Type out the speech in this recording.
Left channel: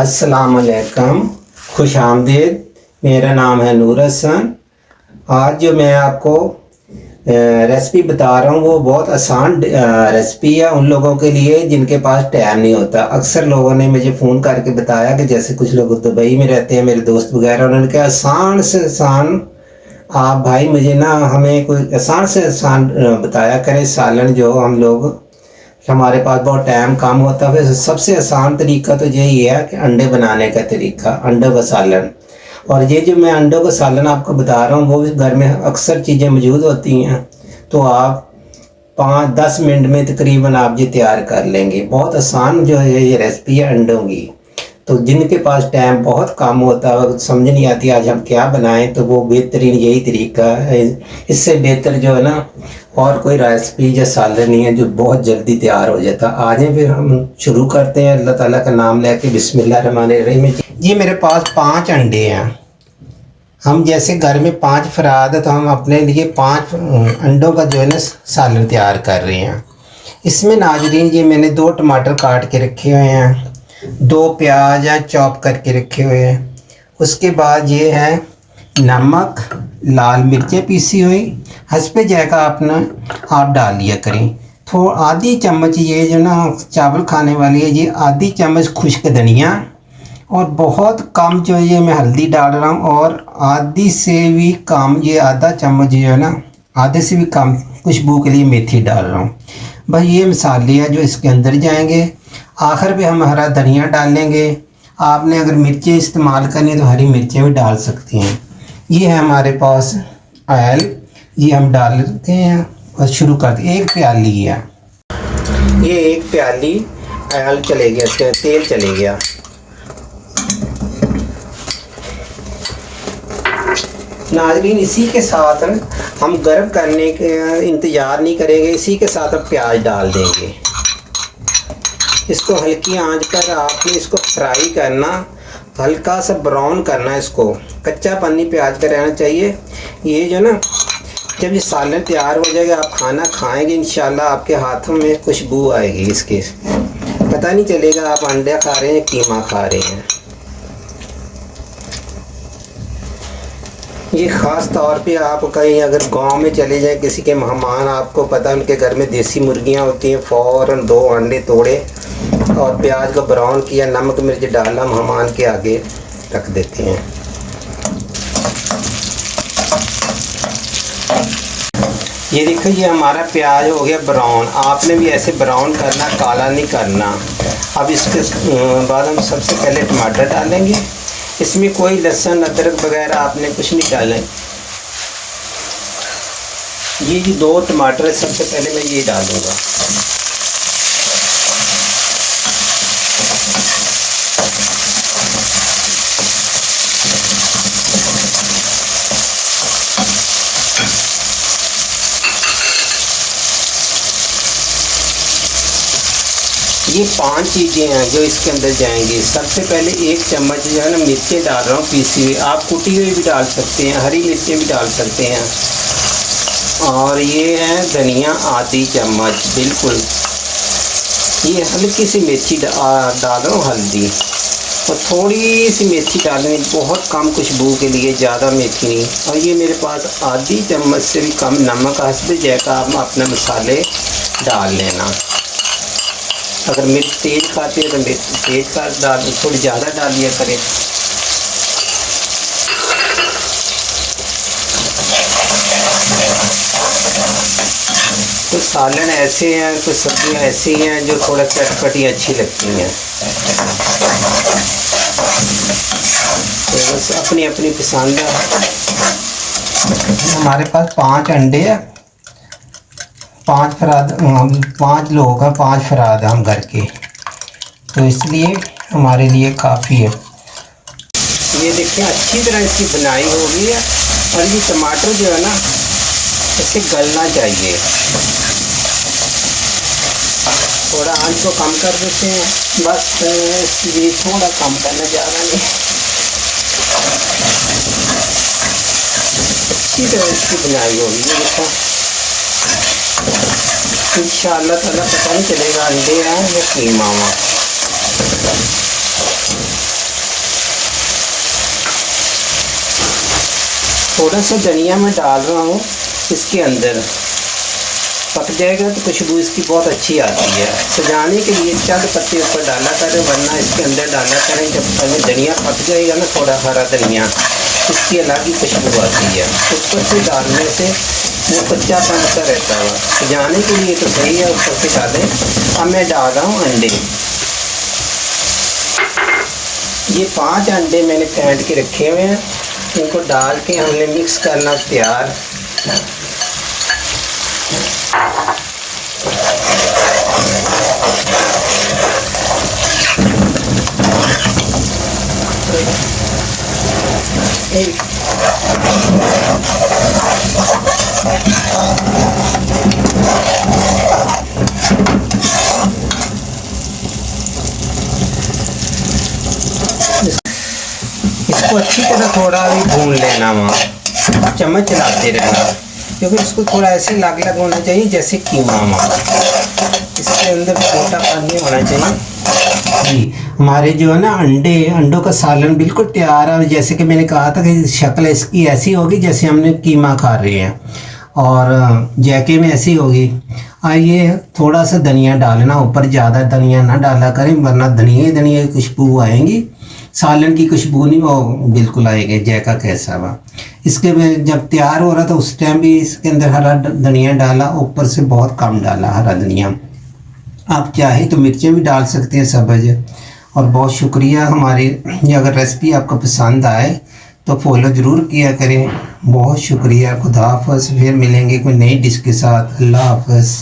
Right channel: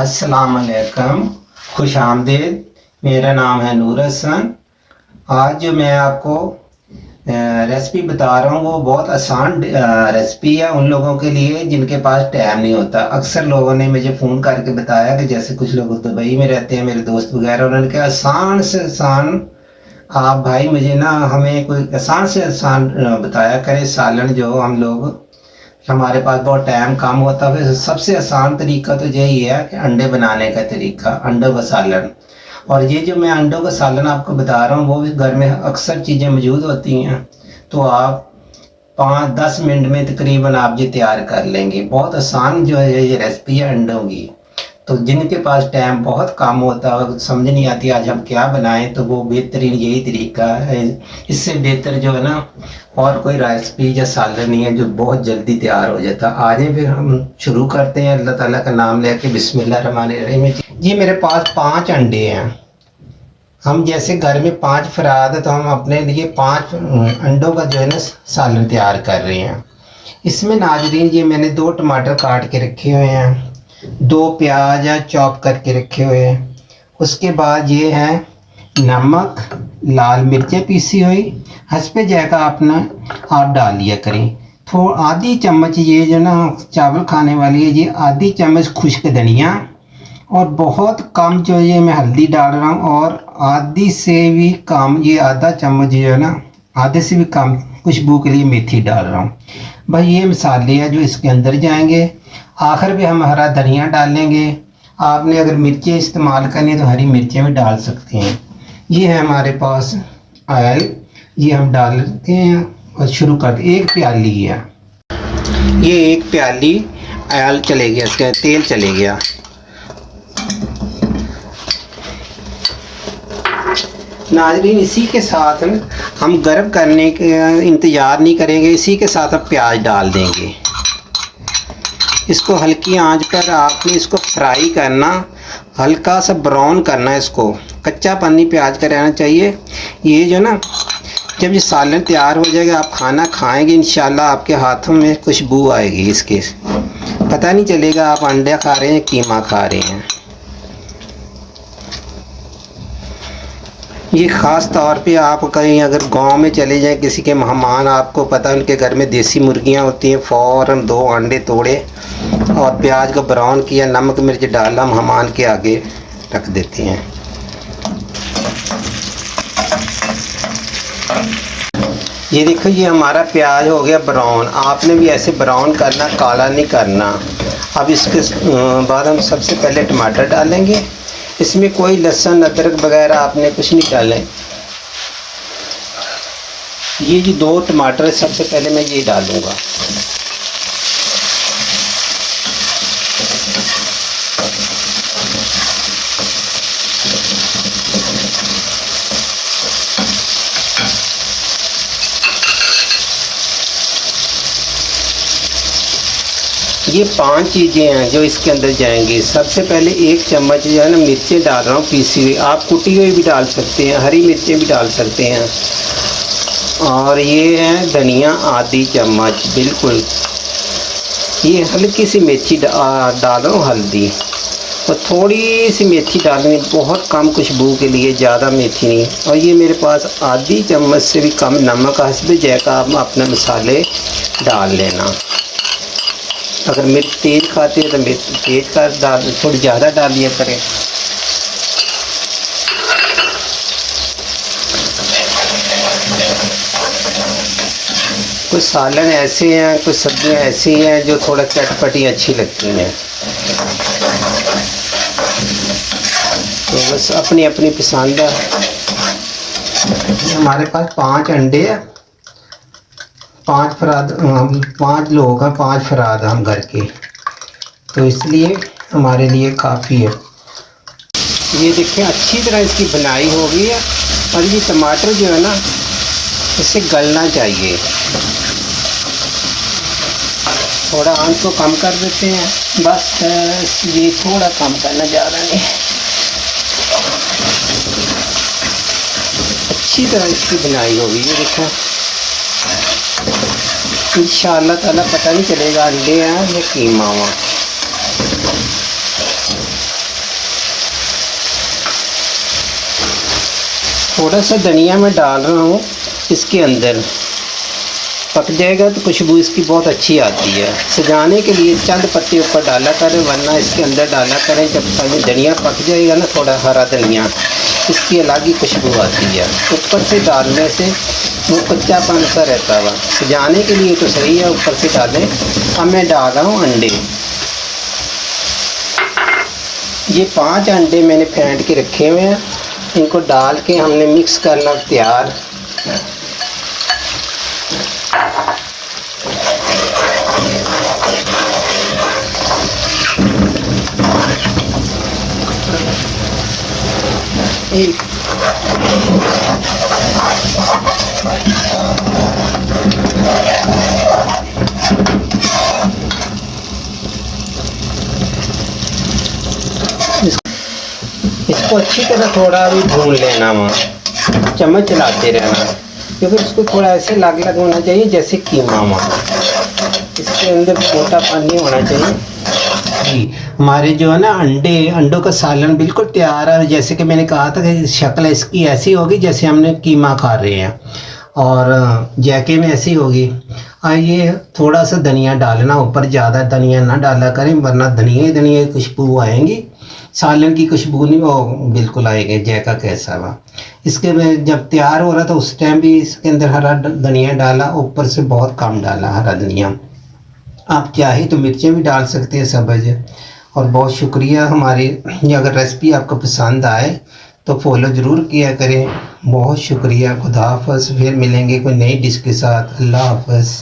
अस्सलाम वालेकुम, खुश आमदीद। मेरा नाम है नूर हसन। आज जो मैं आपको रेसिपी बता रहा हूँ वो बहुत आसान रेसिपी है उन लोगों के लिए जिनके पास टाइम नहीं होता। अक्सर लोगों ने मुझे फ़ोन करके बताया कि जैसे कुछ लोग दुबई में रहते हैं, मेरे दोस्त वगैरह, उन्होंने कहा आसान से आसान आप भाई मुझे ना हमें कोई आसान से आसान बताया करें सालन। जो हम लोग हमारे पास बहुत टाइम कम होता है, सबसे आसान तरीका तो यही है कि अंडे बनाने का तरीका, अंडों का सालन। और ये जो मैं अंडों का सालन आपको बता रहा हूँ वो भी घर में अक्सर चीज़ें मौजूद होती हैं, तो आप 5-10 मिनट में तकरीबन आप ये तैयार कर लेंगे। बहुत आसान जो है ये रेसिपी है अंडों की। तो जिनके पास टाइम बहुत कम होता है, समझ नहीं आती आज हम क्या बनाएं, तो वो बेहतरीन यही तरीका है। इससे बेहतर जो है ना और कोई रेसिपी या सालन नहीं है जो बहुत जल्दी तैयार हो जाता। आज फिर हम शुरू करते हैं अल्लाह ताला का नाम लेके। बिस्मिल्लाहिर्रहमानिर्रहीम। जी मेरे पास 5 अंडे हैं। हम जैसे घर में 5 फराद है तो हम अपने लिए 5 अंडों का जो है ना सालन तैयार कर रहे हैं। इसमें नाज़रीन ये मैंने 2 टमाटर काट के रखे हुए हैं, 2 प्याज हैं चॉप करके रखे हुए हैं। उसके बाद ये है नमक, लाल मिर्चें पीसी हुई, हंसपे जाएगा अपना आप डाल लिया करें। थोड़ा आधी चम्मच ये जो ना चावल खाने वाली है, ये आधी चम्मच खुश्क धनिया, और बहुत कम जो ये मैं हल्दी डाल रहा हूँ, और आधी से भी कम ये आधा चम्मच जो है ना आधे से भी कम खुशबू के लिए मेथी डाल रहा हूँ। भाई ये मसाले हैं जो इसके अंदर जाएंगे। आखिर में हम हरा धनिया डालेंगे। आपने अगर मिर्चें इस्तेमाल करनी तो हरी मिर्चें भी डाल सकते हैं। ये है हमारे पास ऑयल, ये हम डालते हैं और शुरू करते। 1 प्याली है ये, 1 प्याली ऑयल चले गया, इसके तेल चले गया। नाज़रीन इसी के साथ हम गर्म करने के इंतज़ार नहीं करेंगे, इसी के साथ अब प्याज डाल देंगे। इसको हल्की आंच पर आपने इसको फ्राई करना, हल्का सा ब्राउन करना, इसको कच्चा पन्नी प्याज का रहना चाहिए। ये जो ना जब ये सालन तैयार हो जाएगा आप खाना खाएंगे इंशाल्लाह आपके हाथों में खुशबू आएगी इसके, पता नहीं चलेगा आप अंडे खा रहे हैं या कीमा खा रहे हैं। ये ख़ास तौर पे आप कहीं अगर गांव में चले जाएं, किसी के मेहमान, आपको पता है उनके घर में देसी मुर्गियां होती हैं, फ़ौरन 2 अंडे तोड़े और प्याज को ब्राउन किया, नमक मिर्च डाला, मेहमान के आगे रख देते हैं। ये देखो ये हमारा प्याज हो गया ब्राउन। आपने भी ऐसे ब्राउन करना, काला नहीं करना। अब इसके बाद हम सबसे पहले टमाटर डालेंगे। इसमें कोई लहसुन अदरक वगैरह आपने कुछ नहीं डालना है। ये जो 2 टमाटर है सबसे पहले मैं ये डालूँगा। ये 5 चीज़ें हैं जो इसके अंदर जाएंगी। सबसे पहले 1 चम्मच जो है ना मिर्चें डाल रहा हूँ पीसी हुई, आप कुटी हुई भी डाल सकते हैं, हरी मिर्चें भी डाल सकते हैं। और ये है धनिया आधी चम्मच, बिल्कुल। ये हल्की सी मेथी डालो, हल्दी और थोड़ी सी मेथी डालें, बहुत कम खुशबू के लिए, ज़्यादा मेथी नहीं। और ये मेरे पास आधी चम्मच से भी कम नमक, हस्बे जायका आप अपने मसाले डाल लेना। अगर मिर्च तेज खाते हैं तो मिर्च तेज का डाल, थोड़ी ज़्यादा डाल लिया करें। कुछ सालन ऐसे हैं, कुछ सब्जियां ऐसी हैं जो थोड़ा चटपटी अच्छी लगती हैं, तो बस अपनी अपनी पसंद है। हमारे पास 5 अंडे हैं, 5 फराद, 5 लोग हैं, 5 फराद हम घर के, तो इसलिए हमारे लिए काफ़ी है। ये देखिए अच्छी तरह इसकी बनाई हो गई है। और ये टमाटर जो है ना इसे गलना चाहिए। थोड़ा आंच को कम कर देते हैं, बस ये थोड़ा कम करना, ज़्यादा नहीं। अच्छी तरह इसकी बनाई होगी। ये देखो इंशाअल्लाह ताला पता नहीं चलेगा अंडे हैं या कीमा हुआ। थोड़ा सा धनिया मैं डाल रहा हूँ इसके अंदर, पक जाएगा तो खुशबू इसकी बहुत अच्छी आती है। सजाने के लिए चंद पत्ते ऊपर डाला करें, वरना इसके अंदर डाला करें। जब धनिया पक जाएगा ना, थोड़ा हरा धनिया, इसकी अलग ही खुशबू आती है। ऊपर से डालने से वो कच्चापन सा रहता है। सजाने के लिए तो सही है, ऊपर से डालें। अब मैं डाल रहा हूँ अंडे। ये 5 अंडे मैंने फेंट के रखे हुए हैं, इनको डाल के हमने मिक्स करना तैयार। इसको अच्छी तरह थोड़ा भी भून लेना, वहाँ चम्मच चलाते रहना, क्योंकि इसको थोड़ा ऐसे लग होना चाहिए जैसे कीमा वहाँ, इसके अंदर मोटा पानी होना चाहिए। जी, हमारे जो है ना अंडों का सालन बिल्कुल तैयार है। जैसे कि मैंने कहा था कि शक्ल इसकी ऐसी होगी जैसे हमने कीमा खा रहे हैं, और जायके में ऐसी होगी। ये थोड़ा सा धनिया डालना ऊपर, ज़्यादा धनिया ना डाला करें, वरना धनिया की खुशबू आएंगी, सालन की खुशबू नहीं वो बिल्कुल आएगी। जायका कैसा हुआ इसके में जब तैयार हो रहा था उस टाइम भी इसके अंदर हरा धनिया डाला, ऊपर से बहुत कम डाला हरा धनिया। आप चाहे तो मिर्चें भी डाल सकते हैं सब्ज़। और बहुत शुक्रिया। हमारी अगर रेसिपी आपको पसंद आए तो फॉलो ज़रूर किया करें। बहुत शुक्रिया। खुदा हाफ़िज़। फिर मिलेंगे कोई नई डिश के साथ। अल्लाह हाफ़िज़।